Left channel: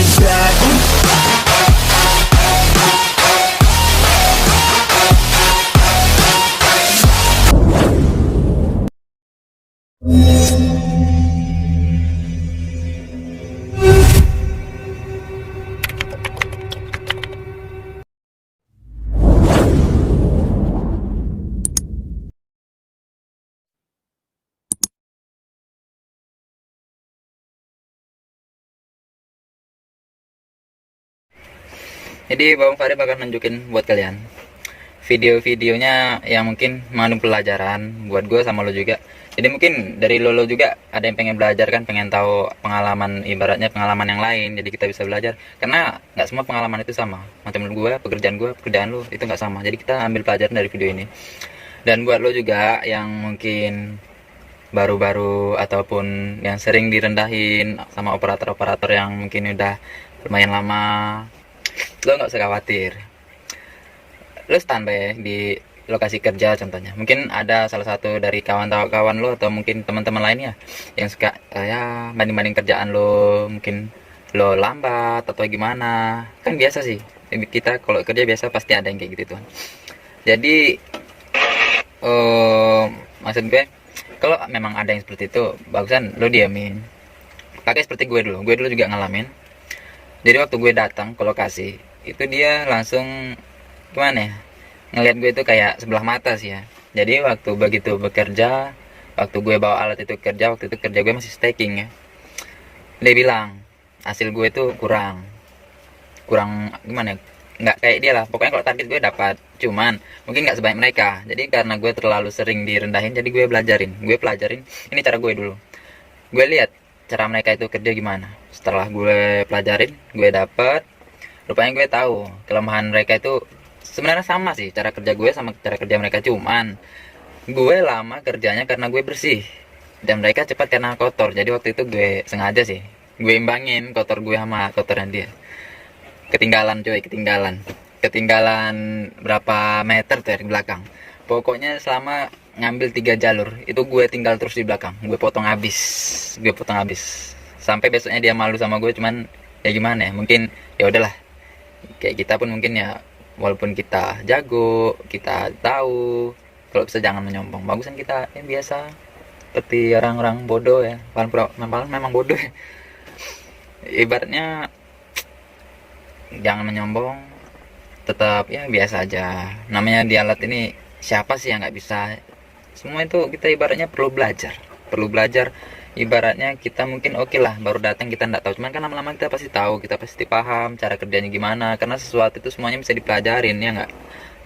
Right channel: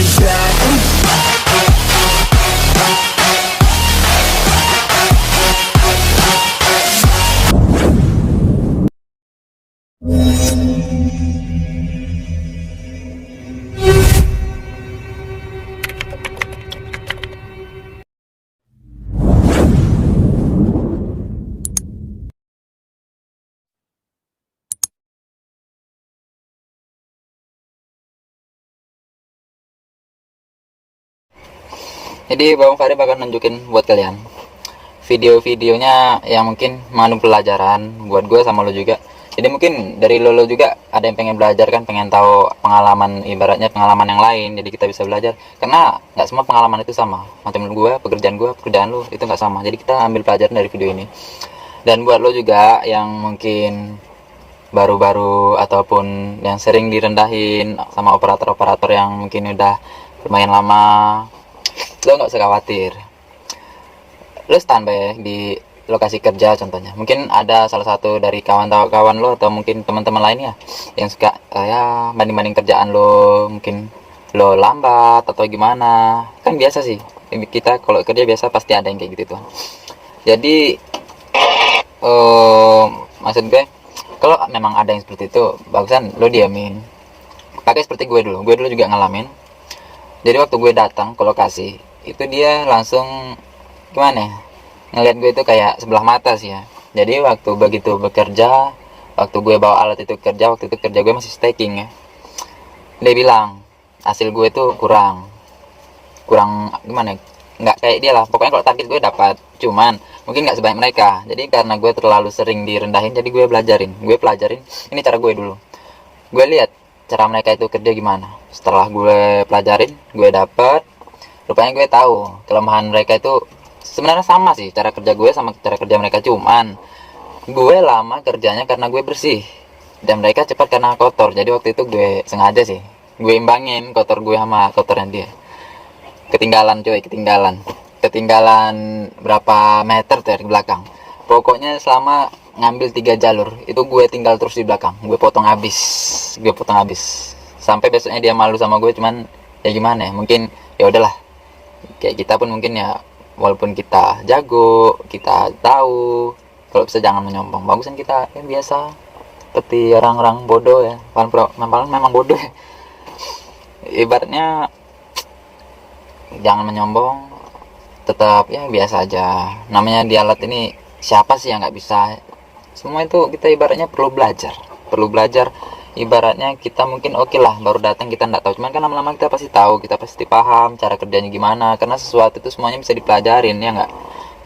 back. Jadi Bang Fahri bakal nunjukin buat kalian video-videonya yang mungkin mengandung pelajaran buat gue sama lo juga. Jadi mungkin dari lo juga ada yang pengen belajar kan, pengen tahu pengalaman, ibaratnya pengalaman yang lain. Jadi kita bisa belajar karena nggak semua pengalaman itu sama. Macam gue, pekerjaan lo itu nggak sama. Jadi kita ambil pelajaran dari video ini. Dan buat lo juga yang mungkin baru-baru ataupun yang sering direndahin sama operator-operator yang mungkin udah lumayan lama, lo nggak usah khawatir. Lo standby di lokasi kerja contohnya, mungkin ada salah satu dari kawan-kawan lo atau mungkin teman-teman lainnya yang suka ya banding-banding kerjaan lo, mungkin lo lambat atau gimana. Kan biasa sih, kita kalau kerja biasa pasti ada yang kayak gitu tuh. Jadi maksud gue, kalau memang ada yang seperti itu, bagusan lo diamin. Pakai seperti gue dulu juga ngalamin. Jadi waktu gue datang ke lokasi itu, dia langsung gimana ya, ngeliat gue itu kayak sebelah mata sih ya. Jadi waktu begitu bekerja, waktu gue bawa alat itu kerja, waktu itu kerja gue masih staking ya, dia bilang hasil gue itu kurang gimana ya, nggak kayak dia lah pokoknya. Kalau target gue dapat, cuman mungkin nggak sebanyak mereka. Jadi karena gue terlalu sering direndahin, jadi gue pelajarin ini cara gue dulu. Gue lihat cara mereka itu kerja gimana. Setelah gue pelajarin, gue dapet, rupanya gue tahu kelemahan mereka itu sebenarnya sama sih cara kerja gue sama cara kerja mereka, cuman gue lama kerjanya karena gue bersih dan mereka cepat karena kotor. Jadi waktu itu gue sengaja sih, gue imbangin kotor gue sama kotornya dia. Ketinggalan berapa meter tuh di belakang. Pokoknya selama ngambil 3 jalur itu gue tinggal terus di belakang, gue potong habis sampai besoknya dia malu sama gue. Cuman ya gimana ya, mungkin ya udahlah, kayak kita pun mungkin ya, walaupun kita jago, kita tahu, kalau bisa jangan menyombong. Bagusan kita yang biasa seperti orang-orang bodoh ya, memang bodoh ya. Ibaratnya jangan menyombong, tetap ya biasa aja. Namanya di alat ini, siapa sih yang nggak bisa? Semua itu kita ibaratnya perlu belajar. Ibaratnya kita mungkin oke lah baru datang kita nggak tahu, cuman kan lama-lama kita pasti tahu, kita pasti paham cara kerjanya gimana, karena sesuatu itu semuanya bisa dipelajarin ya nggak.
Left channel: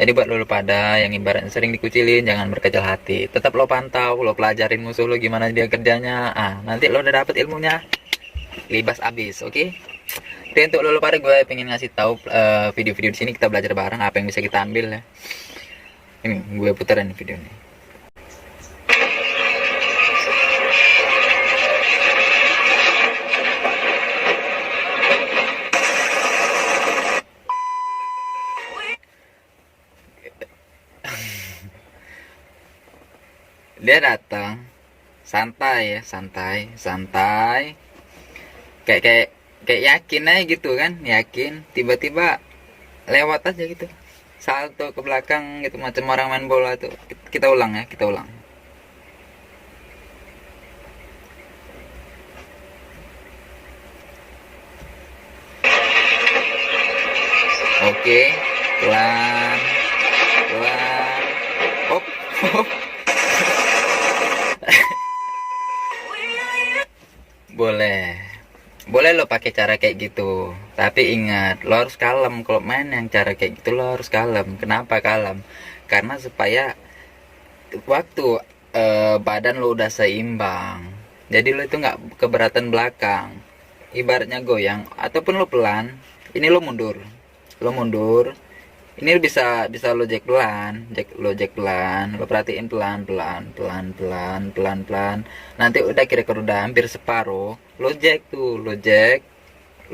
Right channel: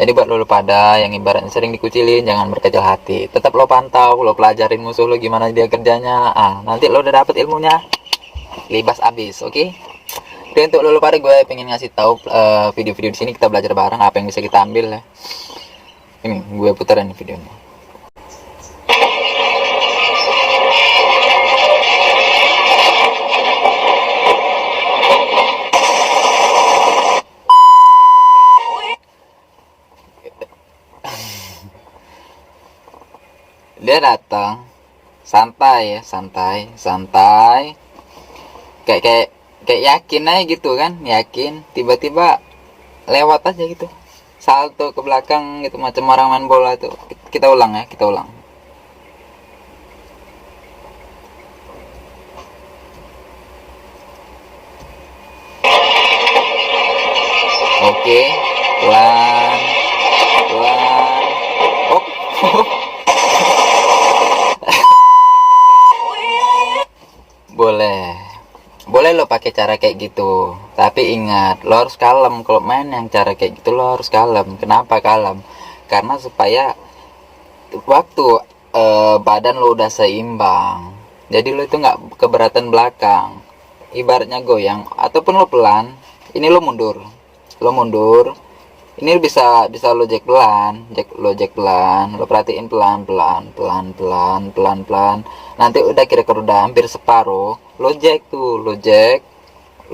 Jadi buat lo pada yang ibaratnya sering dikucilin, jangan berkecil hati, tetap lo pantau, lo pelajarin musuh lo gimana dia kerjanya. Nanti lo udah dapet ilmunya, libas abis. Oke. Jadi untuk lo pada, gue pengen ngasih tahu video-video di sini kita belajar bareng apa yang bisa kita ambil ya. Ini gue puterin video ini. Dia datang santai, kayak yakin aja gitu kan, tiba-tiba lewat aja gitu, salto ke belakang gitu macam orang main bola tuh. Kita ulang. Oke, pelan. Oh. boleh lo pakai cara kayak gitu, tapi ingat lo harus kalem. Kalau main yang cara kayak gitu lo harus kalem. Kenapa kalem? Karena supaya waktu badan lo udah seimbang, jadi lo itu nggak keberatan belakang. Ibaratnya goyang ataupun lo pelan, ini lo mundur, ini bisa lo jack pelan, lo perhatiin pelan. Nanti udah kira-kira udah hampir separuh, lo jack,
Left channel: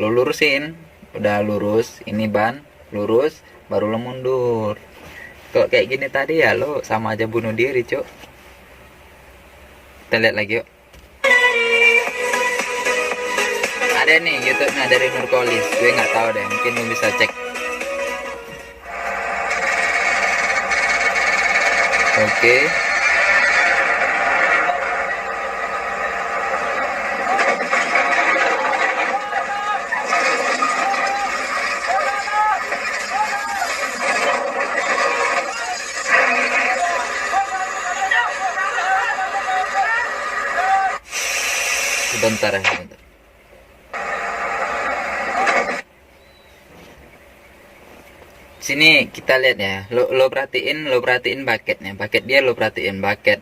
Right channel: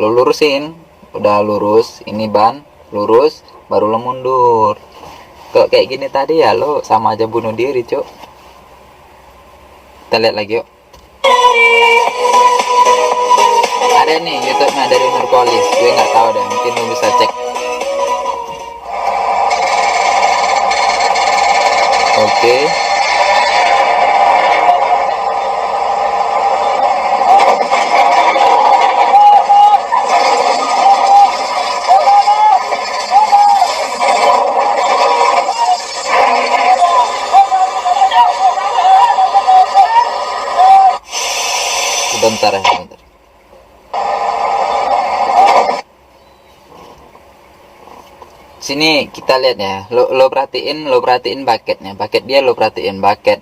lo lurusin, udah lurus, ini ban lurus, baru lo mundur. Kok kayak gini tadi ya lo sama aja bunuh diri, cok. Kita lihat lagi yuk. Ada nih YouTube-nya dari Nurpolis, gue nggak tahu deh, mungkin lu bisa cek. Oke. Sebentar ya, sebentar. Sini kita lihat ya, lo perhatiin bucketnya, bucket dia lo perhatiin, bucket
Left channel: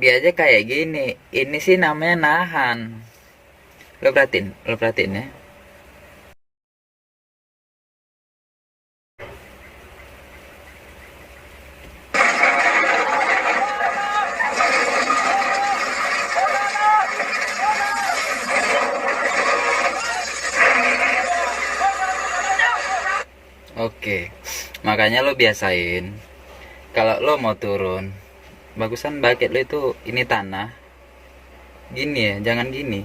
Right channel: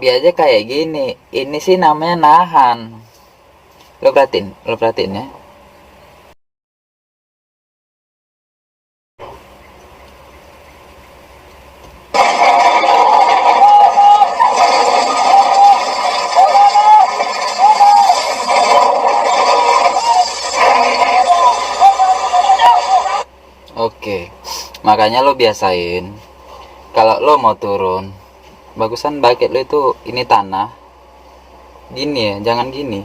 dia aja kayak gini. Ini sih namanya nahan. Lo perhatiin ya. Oke, makanya lo biasain kalau lo mau turun, bagusan bucket lo itu ini tanah gini ya, jangan gini.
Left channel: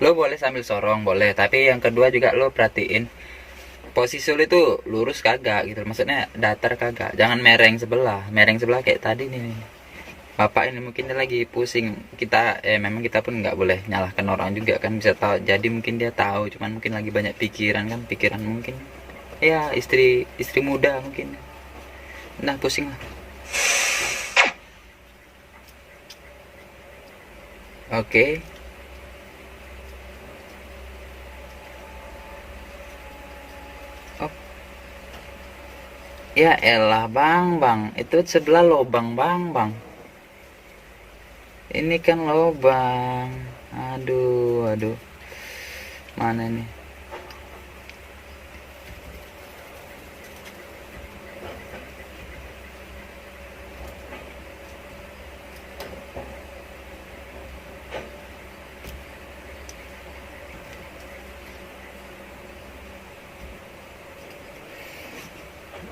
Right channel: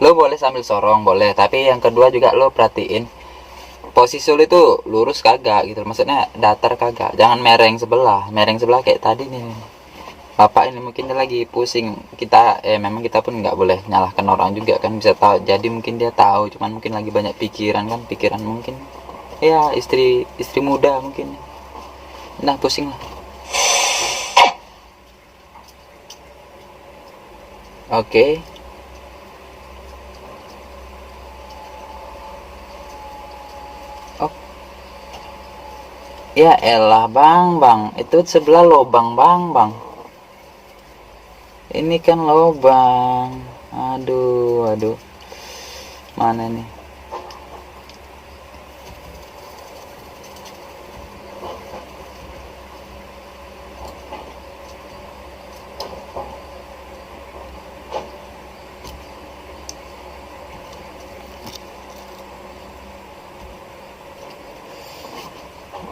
Lo boleh sambil sorong boleh, tapi yang kedua juga lo perhatiin posisi lo itu lurus kagak gitu, maksudnya datar kagak, jangan mereng sebelah kayak tadi nih. Bapak ini mungkin dia lagi pusing, kita memang kita pun nggak boleh nyalahkan orang juga kan, bisa tahu jadi mungkin dia tahu, cuman mungkin lagi banyak pikiran kan, pikiran mungkin ya istri muda mungkin, nah pusing lah. Oke. Oh ya elah bang, itu sebelah lobang bang. Ini kan lobang. Aduh. Mana nih?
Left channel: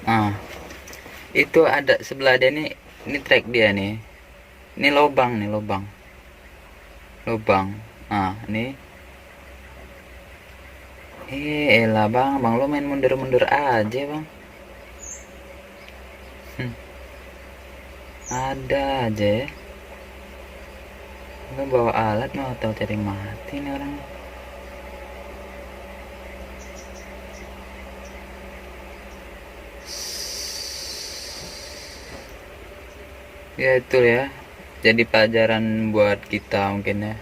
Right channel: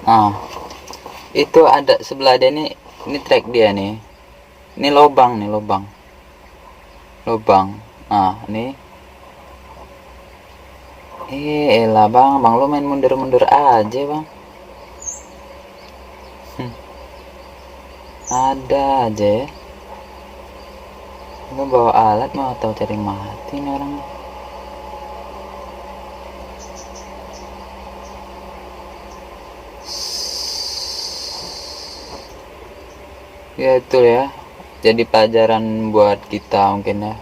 Nah, itu ada sebelah dia nih. Ini track dia nih. Ini lobang. Nah, nih. Elah bang, lu main mundur-mundur aja bang. Ada aja ya. Lu bawa alat mau tahu cari mati nih orang. Ya itu ya, jadi pelajaran buat kita mungkin ya.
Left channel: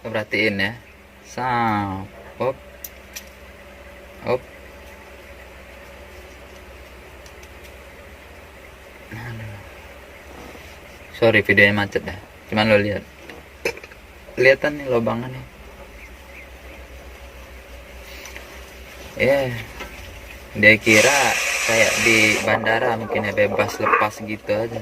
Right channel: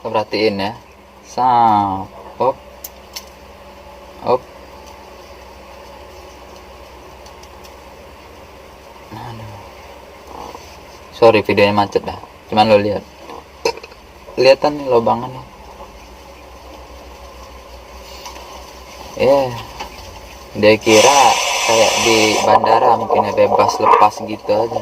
Perhatiin ya, op. Sorry videonya macet dah, cuman lo lihatan nih lobangannya. Dia kira kayak di bandara mungkin ya, bebas lepas gitu aja.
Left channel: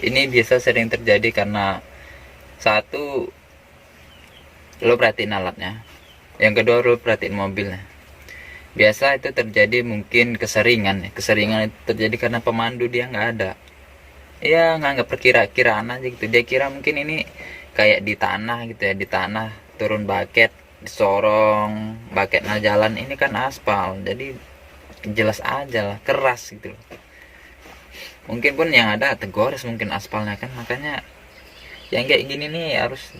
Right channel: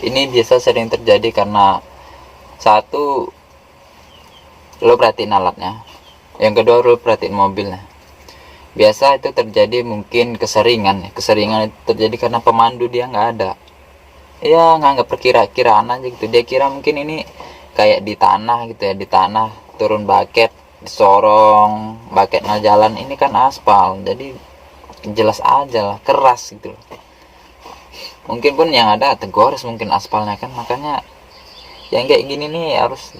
Ini biasa sering terjadi karena satu, lo perhatiin alatnya, yang kedua lo perhatiin mobilnya. Biasa itu terjadi mungkin keseringan itu terjadi karena pemandu dia nggak ada. ya nganggap perkira-kiraan aja gitu. Dia kira mungkin ini kayak di tanah gitu ya, di tanah turun baket disorong, baketnya jalan, ini kan aspal jadi jelas aja lah, keras gitu loh. Mungkin pun yang ada tegores mungkin aspalnya kan, makanya yang kayak gini nih harus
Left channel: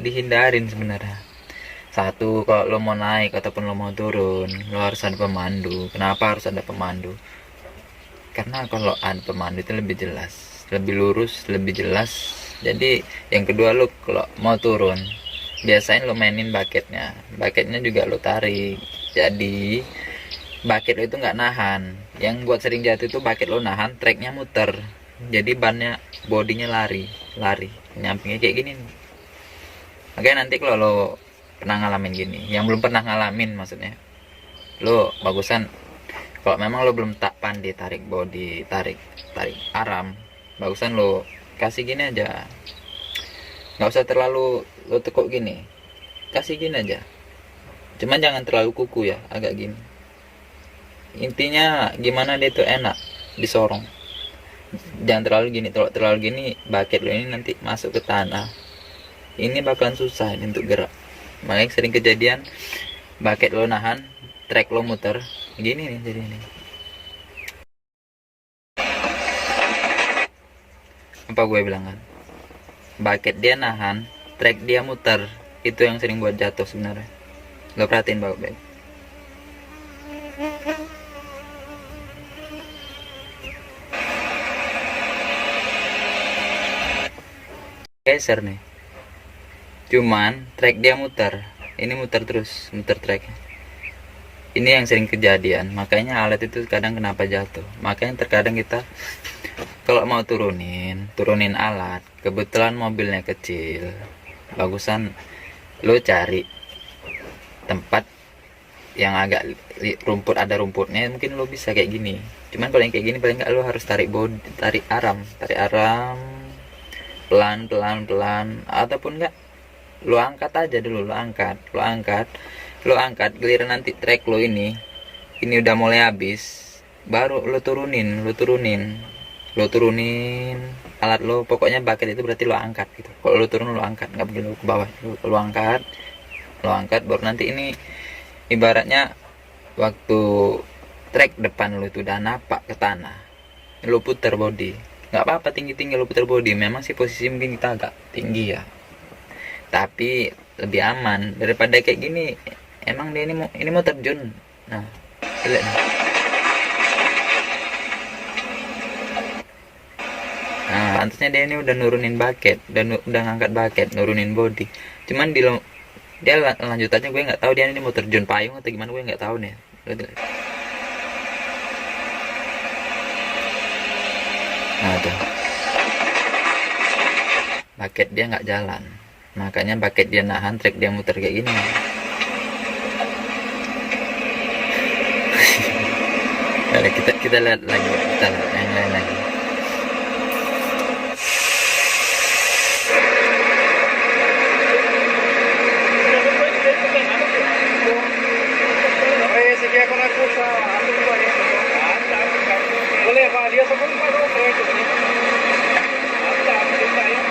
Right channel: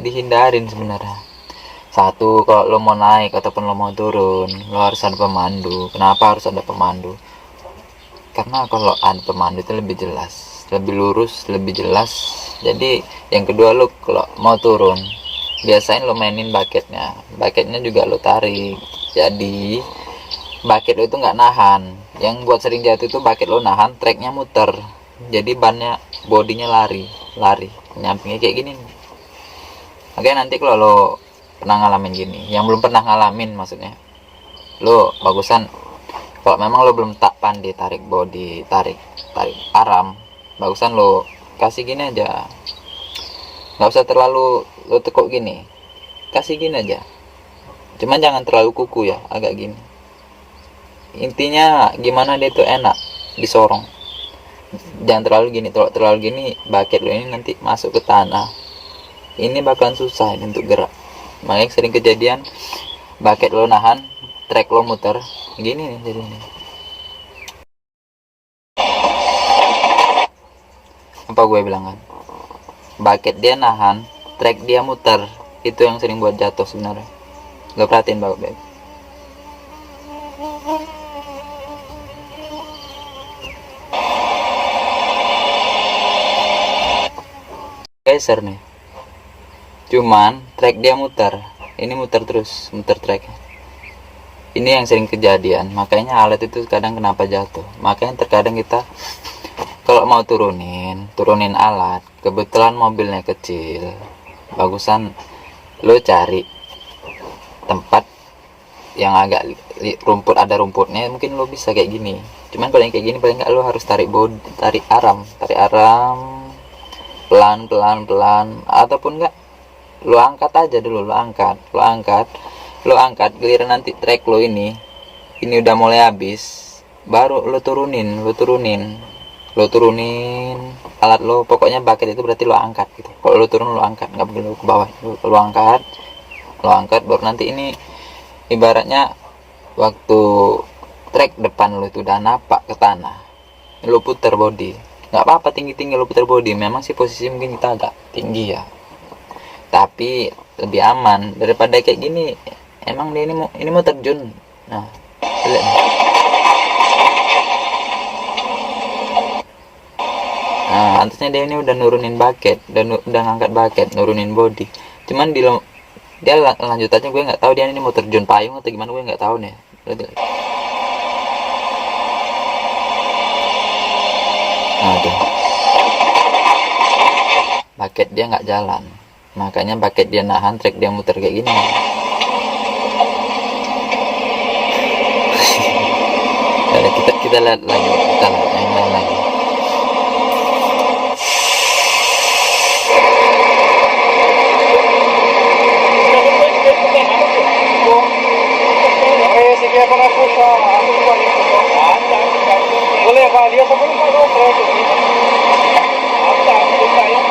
dihindarin sebenarnya. Satu, kalau lo mau naik ataupun lo mau turun, lo harus ada pemandu. Kenapa harus ada pemandu? Karena kalau ada pemandu itu lebih jelas, lebih lurus, lebih jelas. Jadi yang kedua, lo kalau mau turun, biasain lo mainin baketnya juga lo tarik. Jadi bucket lo itu nggak nahan. Yang buat sering jatuh itu bucket lo nahan, treknya muter, jadi bannya bodinya lari lari nyampingnya kayak gini. Oke, nanti kalau lo pernah ngalamin gini, yang belum pernah ngalamin maksudnya, lo bagusan kalau memang lo belum tak pandai tarik body, tarik tarik aram, bagusan lo kasih gini aja, nggak usah terlalu lo tekuk gini, kasih gini aja, cuman jangan terlalu kuku ya, agak gini. Intinya gimana dia tuh enak disorong, jangan terlalu gini. Kalau terlalu gini, bucket lo ini nanti masuk ke tanah, ini bakalan susah ini untuk gerak. Makanya sering kejadian bucket lo nahan, trek lo muter gini nih, jadi ini apa gue bilang kan, bucket dia nahan, trek dia muter, itu yang sering buat jatuh sebenarnya. Lo perhatiin baik-baik. Geser nih, cuman trek dia muter, ini muter terus, muter trek. Ini yang sering kejadian, makanya alat itu kadang kenapa jatuh. Makanya terkadang kita kalau mau turunin alat, kebetulan mobilnya kecil, bagusan lo cari tempat yang agak rumput, ada rumputnya, mungkin lo bisa kayak gini. Cuman kalau yang kayak gini paling nggak lo harus tarik bodi, tarik aram pelan pelan pelan, ataupun enggak lo angkat aja dulu, lo angkat giliran nanti trek lo ini udah mulai habis, baru lo turunin alat lo. Pokoknya bucket itu berarti lo angkat gitu. Kalau lo turun lo angkat, nggak perlu ke bawah, lo angkat baru nanti ini ibaratnya waktu trek depan lo itu udah napak ke tanah, lo putar body, nggak apa-apa tinggi-tinggi lo putar body. Memang sih posisi mungkin kita agak tinggi ya, tapi lebih aman daripada kayak gini. Emang dia ini mau terjun. Nah, lihat nih. Nah, antusnya dia ini udah nurunin bucket, udah ngangkat bucket, nurunin body. Cuman dia lanjut aja, gue nggak tahu dia ini mau terjun payung atau gimana, gue nggak tahu nih. Nah tuh, bucket dia nggak jalan, makanya bucket dia nahan, trek dia muter kayak gini. Nah, kita lihat lagi, kita lihat yang lain lagi. Sige ako na po sa boleh Pak, dia sebelum Pak dua proyek ini. Ada kita yang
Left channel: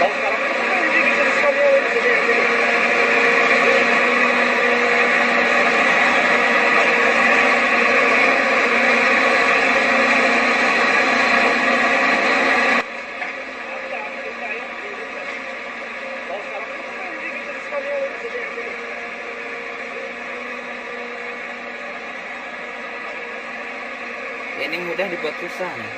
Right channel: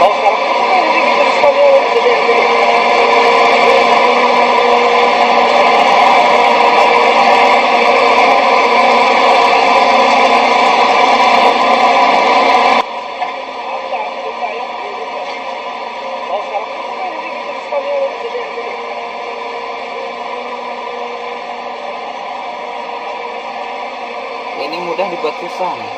kalau sekarang kan jadi kita sekalian jadi ini mudah dibuat susah nih.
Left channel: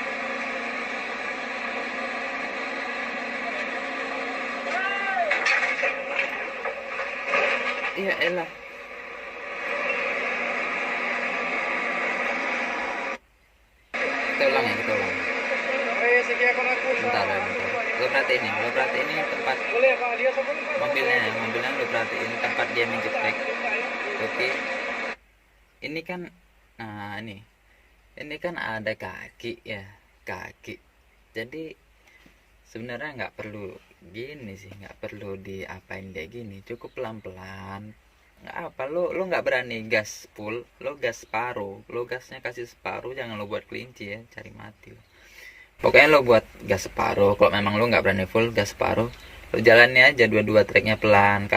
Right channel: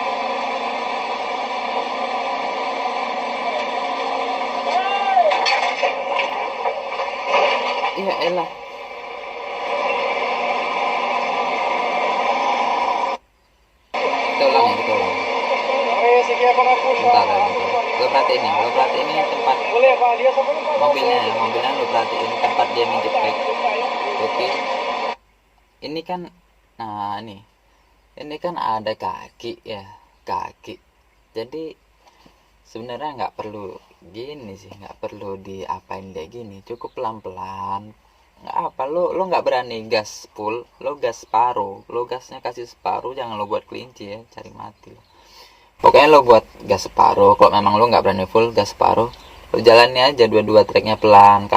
Iya elah. Kita ulang ya, kita ulang. Bentar ya, bentar. Lo perhatiin ini tempat mobilnya lo perhatiin tempat dia minjek brake. Oke. Ini kan, nah ini kan ada kaki ya, kaki. Jadi sebenarnya nggak perlu gini sih, nggak perlu diapain dia gini, cukup pelan-pelan. Nggak apa, lo nggak berani gas full, lo gas separuh, lo gasnya kasih separuh, jangan lo buat kelinci ya, cari mati lo. Pokoknya lo buat gas separuh. Kalau memang lo nggak berani full, gas separuh. Lo jalannya aja dua-dua treknya pelan.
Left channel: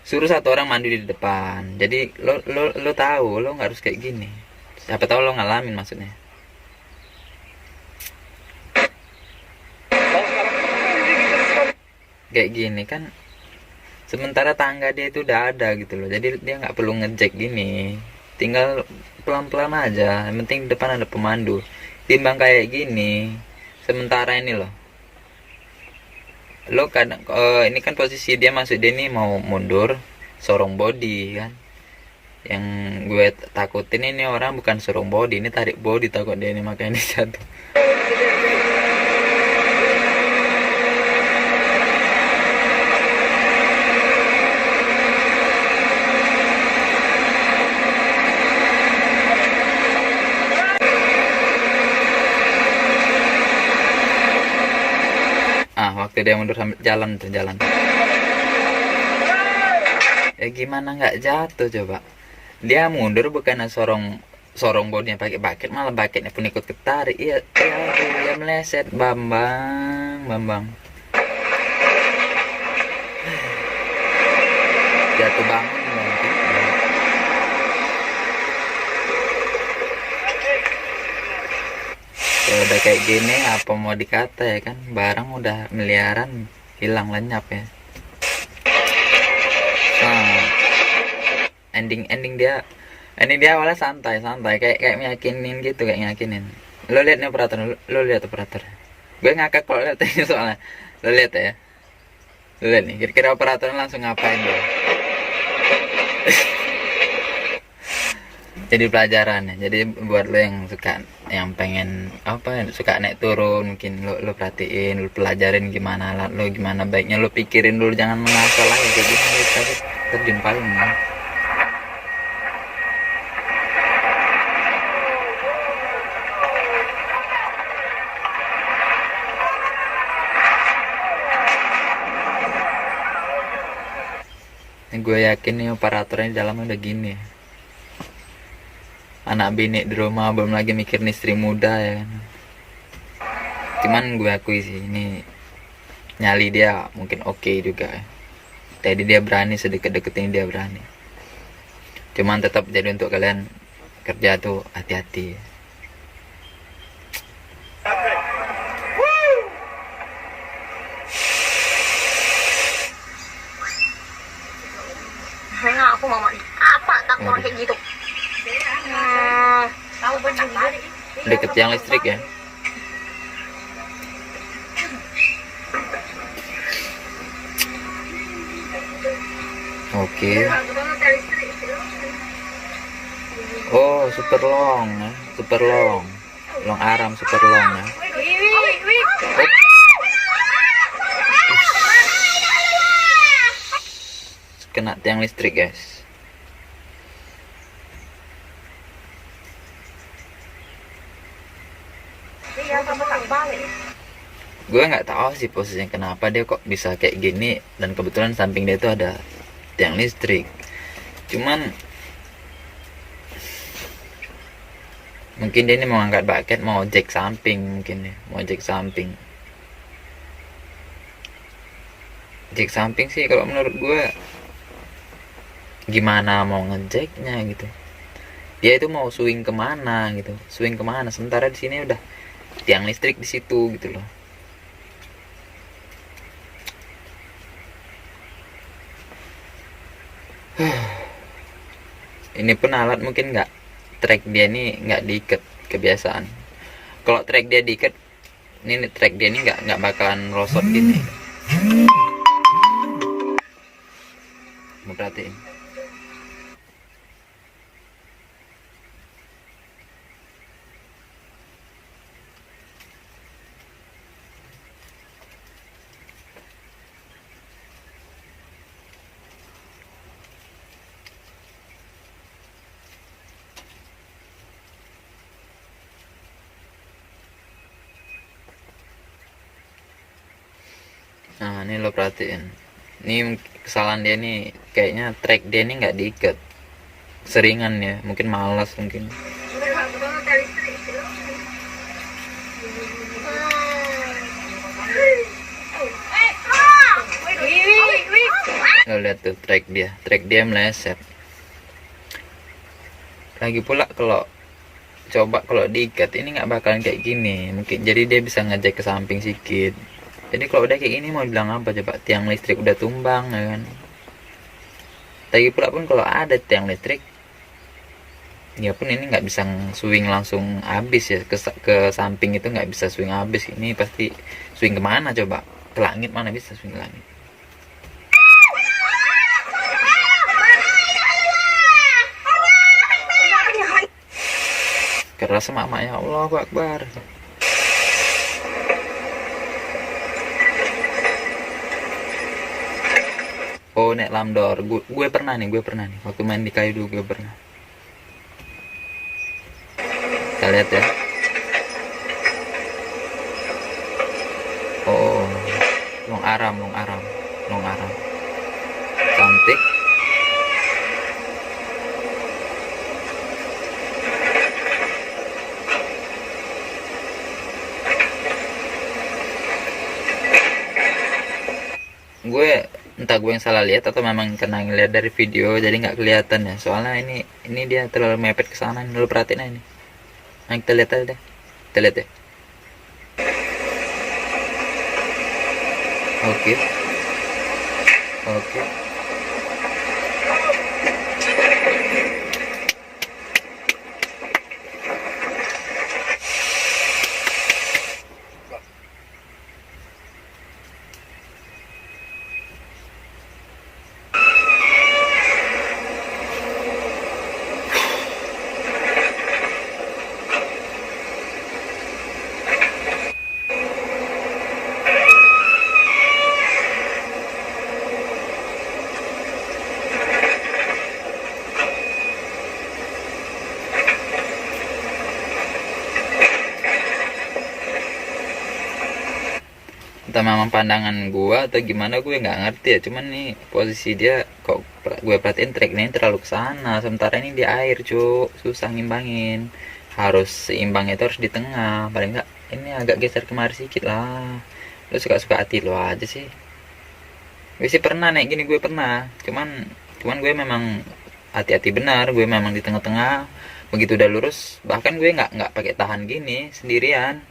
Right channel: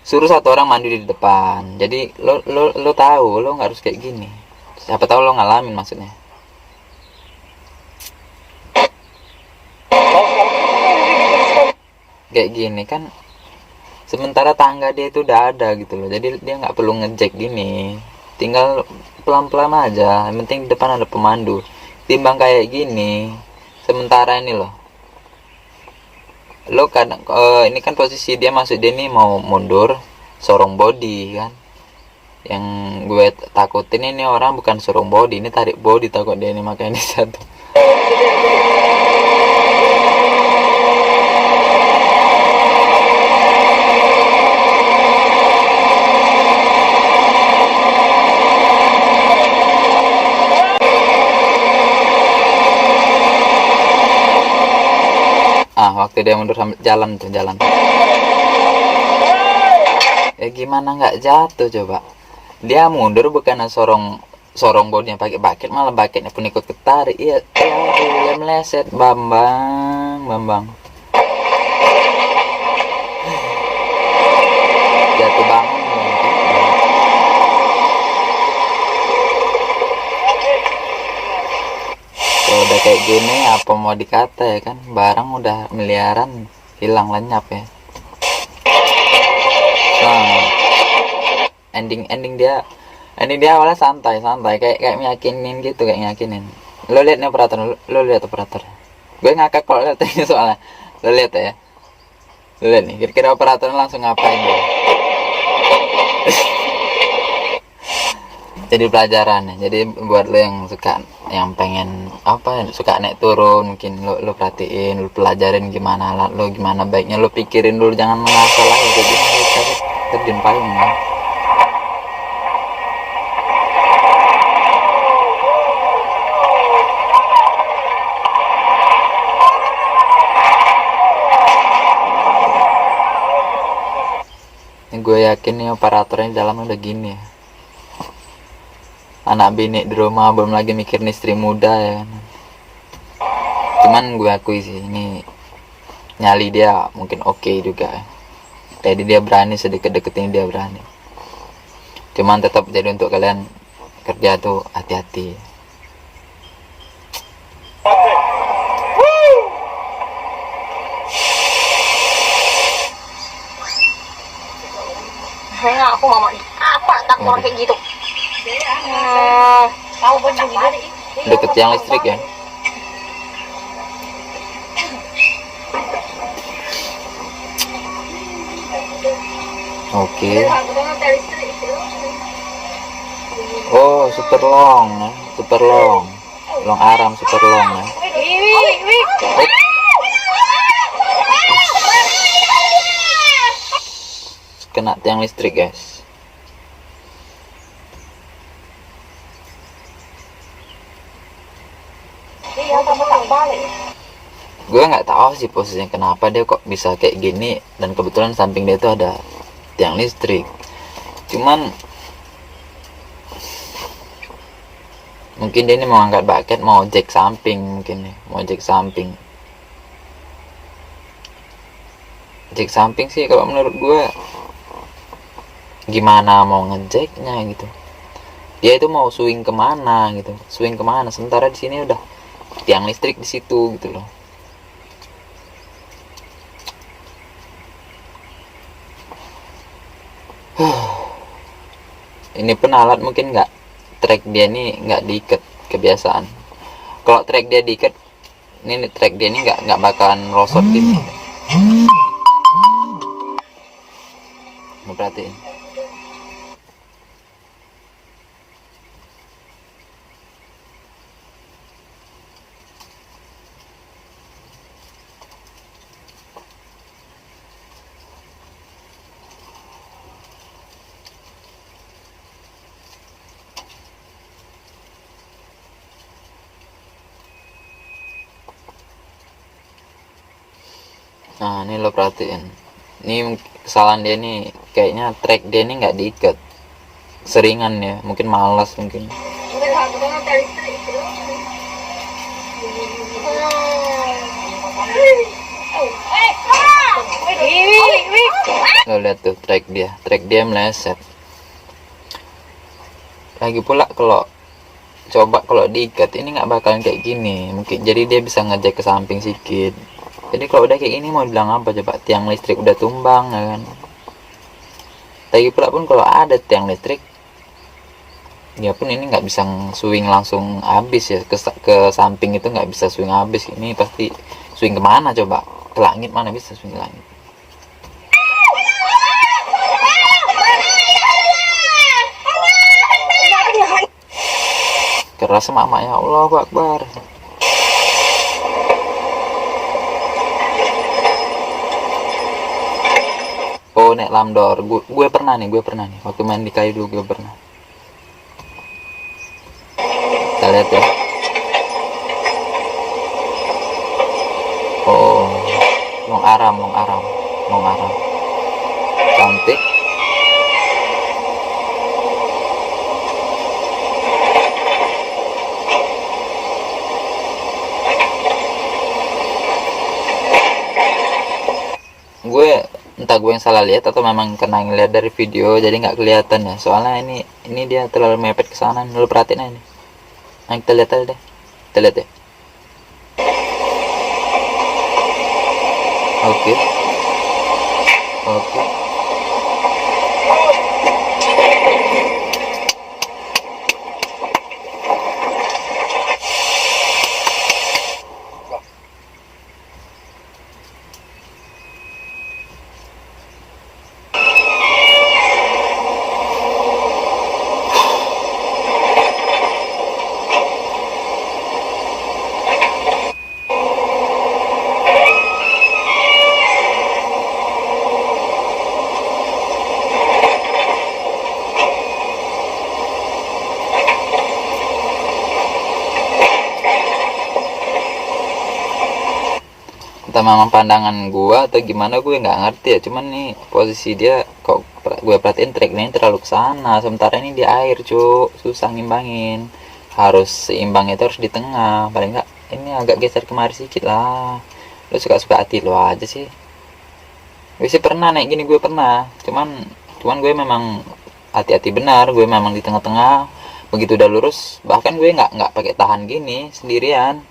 Suruh satu orang mandi di depan. Jadi lo tahu lo nggak harus kayak gini. Siapa tahu lo ngalamin maksudnya. Kalau sekarang kan kita jadi terus sekali. Kayak gini kan. Sementara tangga dia itu udah ada gitu loh. Jadi dia nggak perlu ngejek gini. Tinggal pelan-pelan aja. Yang penting di depan ada pemandu. Timbang kayak gini. Sementara ini loh. Lo kadang ini kan posisi dia masuk, dia nih mau mundur sorong body kan. Yang gue takutin ini orang bukan sorong body, ini tarik body takut dia ini, makanya ini jatuh. Waktu dia mundur sambil jalan ya gimana nggak jatuh coba. Dia mundur bukan sorong bodinya pakai bucket, malah bucketnya pun ikut ketarik. Iya dia meleset. Bambang jatuh bangun. Kalau udah kayak gini apa mau dikata ya kan, barang udah miliaran hilang lenyap ya. Nah, ending dia awalnya santai kayak meyakinin gitu, kayak meyakinin. Lo lihat nih operator, lo lihat operator. Gue ngakak kalau lihat ini soalnya. Lo lihat ya. Lo lihat nih, kira-kira operatornya langsung ngapain dia. Jadi pelajaran ya. Jadi buat lo yang pengen suka naik turun, mungkin lo perhatiin, lo pelajarin gimana alat lo, gimana baiknya lo pikirin dulu, jangan mengasal aja jadi terjun paling ya. Gue yakin nih operatornya di dalam udah gini ya. Anak bini di rumah, belum lagi mikirin istri muda ya kan. Cuman gue akui sih ini nyali dia mungkin oke juga. Jadi dia berani sedekat-dekat ini, dia berani. Cuman tetap jadi untuk kalian kerja tuh hati-hati. Nah, aku mama nih. Apa tak mau kayak gitu? Tahu benar. Deket yang listrik ya. Oke. Oh, super long ya. Super long. Long aram super long ya. Kena tiang listrik guys. Gue nggak tahu sih posisinya kenapa dia kok bisa kayak gini, dan kebetulan samping dia itu ada tiang listrik. Cuman mungkin dia ini mau angkat bucket, mau jack samping, mungkin ya mau jack samping. Jack samping sih kalau menurut gue, gimana mau ngejacknya gitu. Dia itu mau swing kemana gitu, swing kemana, sementara di sini udah tiang listrik di situ gitu loh. Ini pun alat mungkin nggak, track dia ini nggak diikat kebiasaan. Kalau track dia diikat, ini track dia ini nggak bakalan rosot gini. Mau perhatiin. Nah ini lo perhatiin, ini kesalahan dia nih, kayaknya track dia ini nggak diikat, seringan ya, mungkin malas mungkin. Lo lihat tuh trek dia meleset. Lagi pula kalau diikat ini nggak bakalan kayak gini mungkin, jadi dia bisa ngejek ke samping sedikit. Jadi kalau udah kayak gini mau bilang apa coba, tiang listrik udah tumbang ya kan. Lagi pula pun kalau ada tiang listrik ya pun ini nggak bisa swing langsung habis ya ke samping, itu nggak bisa swing habis. Ini pasti swing kemana coba, ke langit, mana bisa swing ke langit. Keras mama, ya Allah Akbar. Oh, nek lamdor gue pernah nih waktu main di kayu dulu gue pernah. Kita lihat ya. Oh, long aram cantik. Gue entah gue yang salah lihat atau memang kena ngeliat dari video jadi nggak kelihatan ya, soalnya ini dia terlalu mepet ke sana. Lu perhatiin aja ini. Nah, kita lihat aja deh, kita lihat ya. Oke. Entah memang pandangan gua atau gimana gue nggak ngerti ya, cuman nih posisi dia kok gue perhatiin track ini terlalu ke sana, sementara ini di air susah ngimbangin. Harus seimbang itu harus di tengah, paling nggak ini agak geser kemari sedikit lah. Lu suka-suka hati lu aja sih. Gue sih pernah naik gini, gue pernah, cuman gue memang hati-hati benar, gue memang di tengah-tengah. Begitu udah lurus bahkan gue nggak pakai tahan gini sendirian.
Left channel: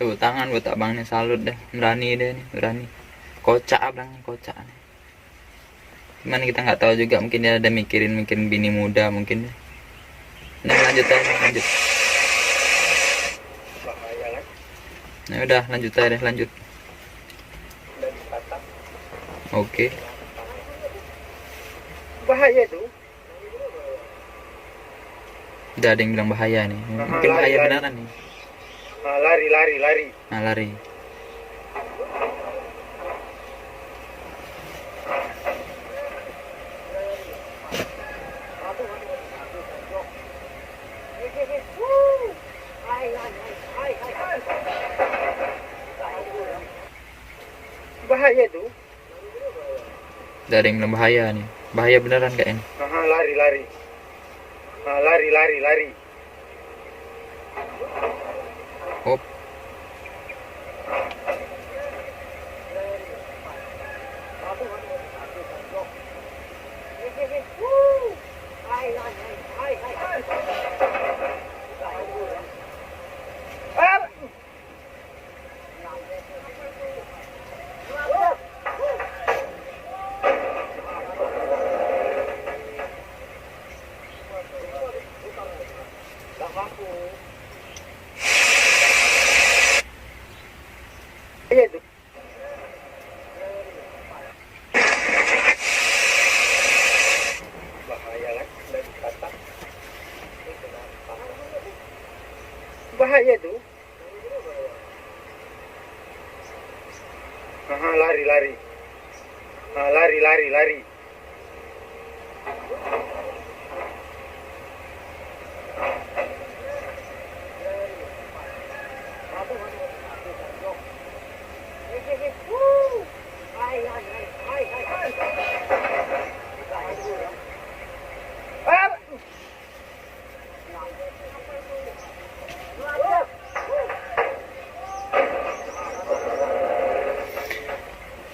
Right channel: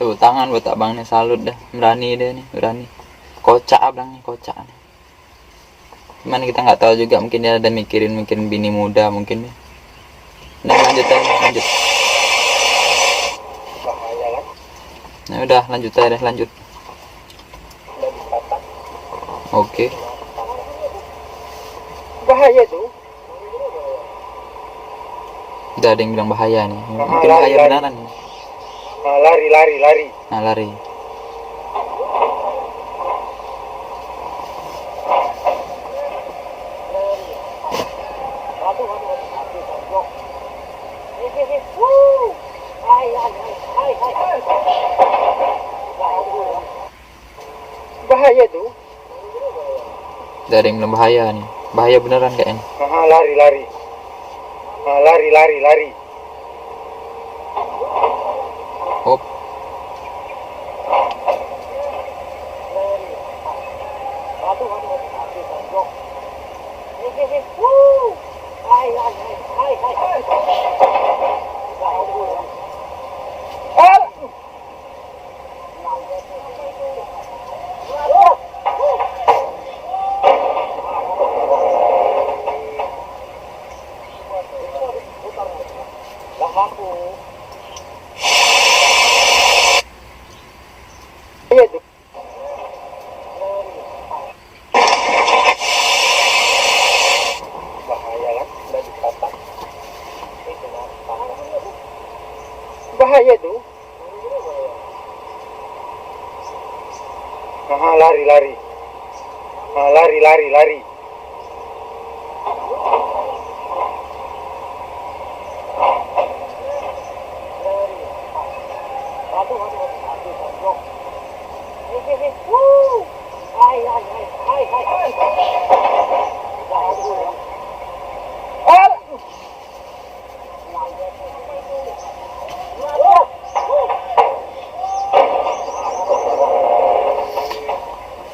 Tuh tangan buat abang nih, salut dah, berani kocak abang nih, kocak nih. Cuman kita nggak tahu juga, mungkin dia ada mikirin bini muda mungkin deh. Nah, lanjut. Nah udah lanjut aja deh, lanjut. Oke. Bahaya tuh. Udah ada yang bilang bahaya nih, mungkin bahaya beneran nih. Lari. Nah, lari. Bahaya tuh. Udah ada yang bilang bahaya nih, bahaya beneran kayaknya. Lari. Hop. Bahaya tuh. Lari.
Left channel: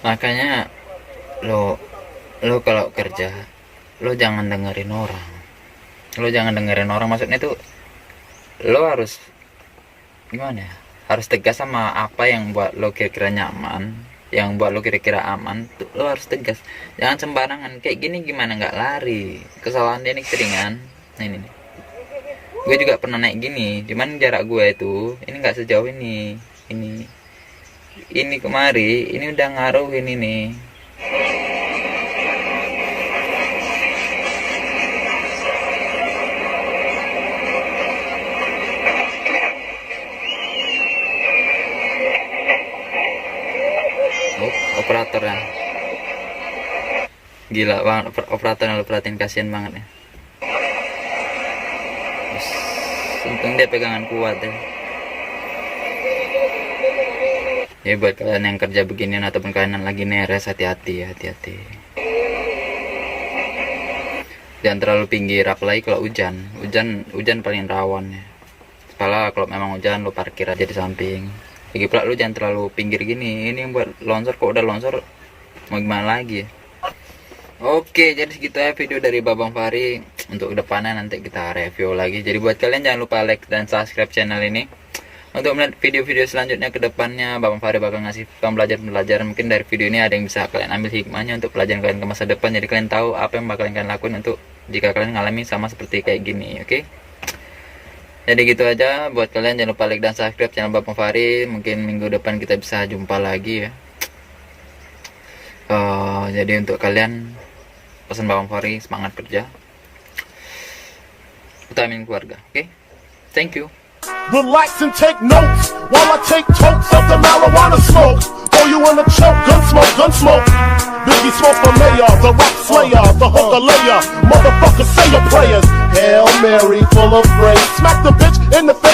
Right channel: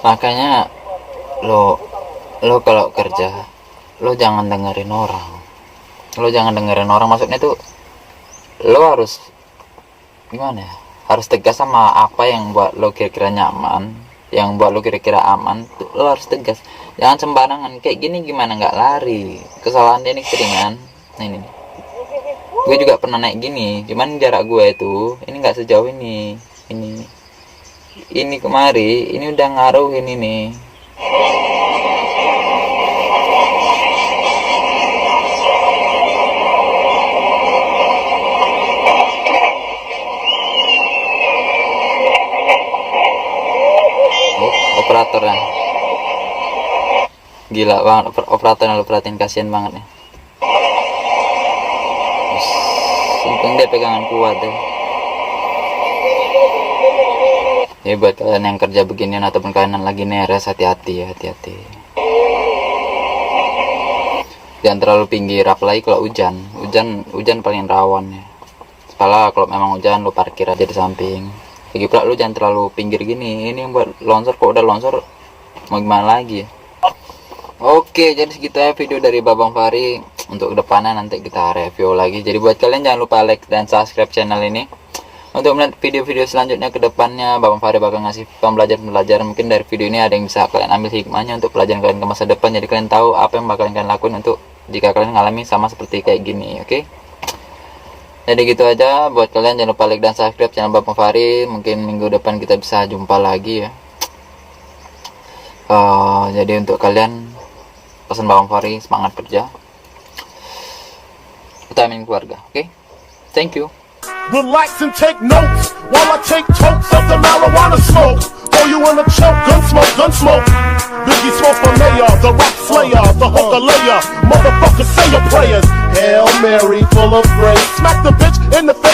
Makanya lo kalau kerja lo jangan dengerin orang. Maksudnya tuh lo harus gimana ya, harus tegas sama apa yang buat lo kira-kira nyaman, yang buat lo kira-kira aman tuh lo harus tegas. Jangan sembarangan kayak gini, gimana nggak lari. Kesalahan dia nih keringan. Nah ini gue juga pernah naik gini, cuman jarak gue itu ini nggak sejauh ini kemari, ini udah ngaruh ini nih. Operatornya gila banget, operatornya lo perhatiin, kasihan banget ya. Untung dia pegangan kuat ya. Ya buat kalian yang kerja beginian ataupun kalian lagi neres, hati-hati ya, hati-hati. Jangan terlalu pinggir, apalagi kalau hujan paling rawan ya. Kepala kalau memang hujan lo parkir aja di samping. Lagi pula lu jangan terlalu pinggir gini, ini yang buat longsor. Kok udah longsor mau gimana lagi ya. Oke, jadi segitu ya video dari Babang Fahri. Untuk kedepannya nanti kita review lagi. Jadi buat kalian jangan lupa like dan subscribe channel ini. Untuk melihat video-video selanjutnya ke depannya, Babang Fahri bakal ngasih pembelajaran. Mungkin dari video ini ada yang bisa kalian ambil hikmahnya untuk pelajaran kalian ke masa depan. Jadi kalian tahu apa yang bakal kalian lakuin untuk jika kalian ngalami sama seperti kayak gini, oke? Jadi gitu aja, buat kalian jangan lupa like dan subscribe channel Babang Fahri. Mungkin minggu depan kita bisa jumpa lagi ya. Jadi untuk kalian, pesan Babang Fahri, semangat kerja, utamain keluarga, oke? Thank you. Relax and take notes while I take totes of the marijuana smoke. Throw you in a choke, gun smoke. Biggie Smoke for mayor, the rap slayer, the hooker layer. Motherfucker, say your prayers. Hail Mary, full of grace. Smack the bitch in the face.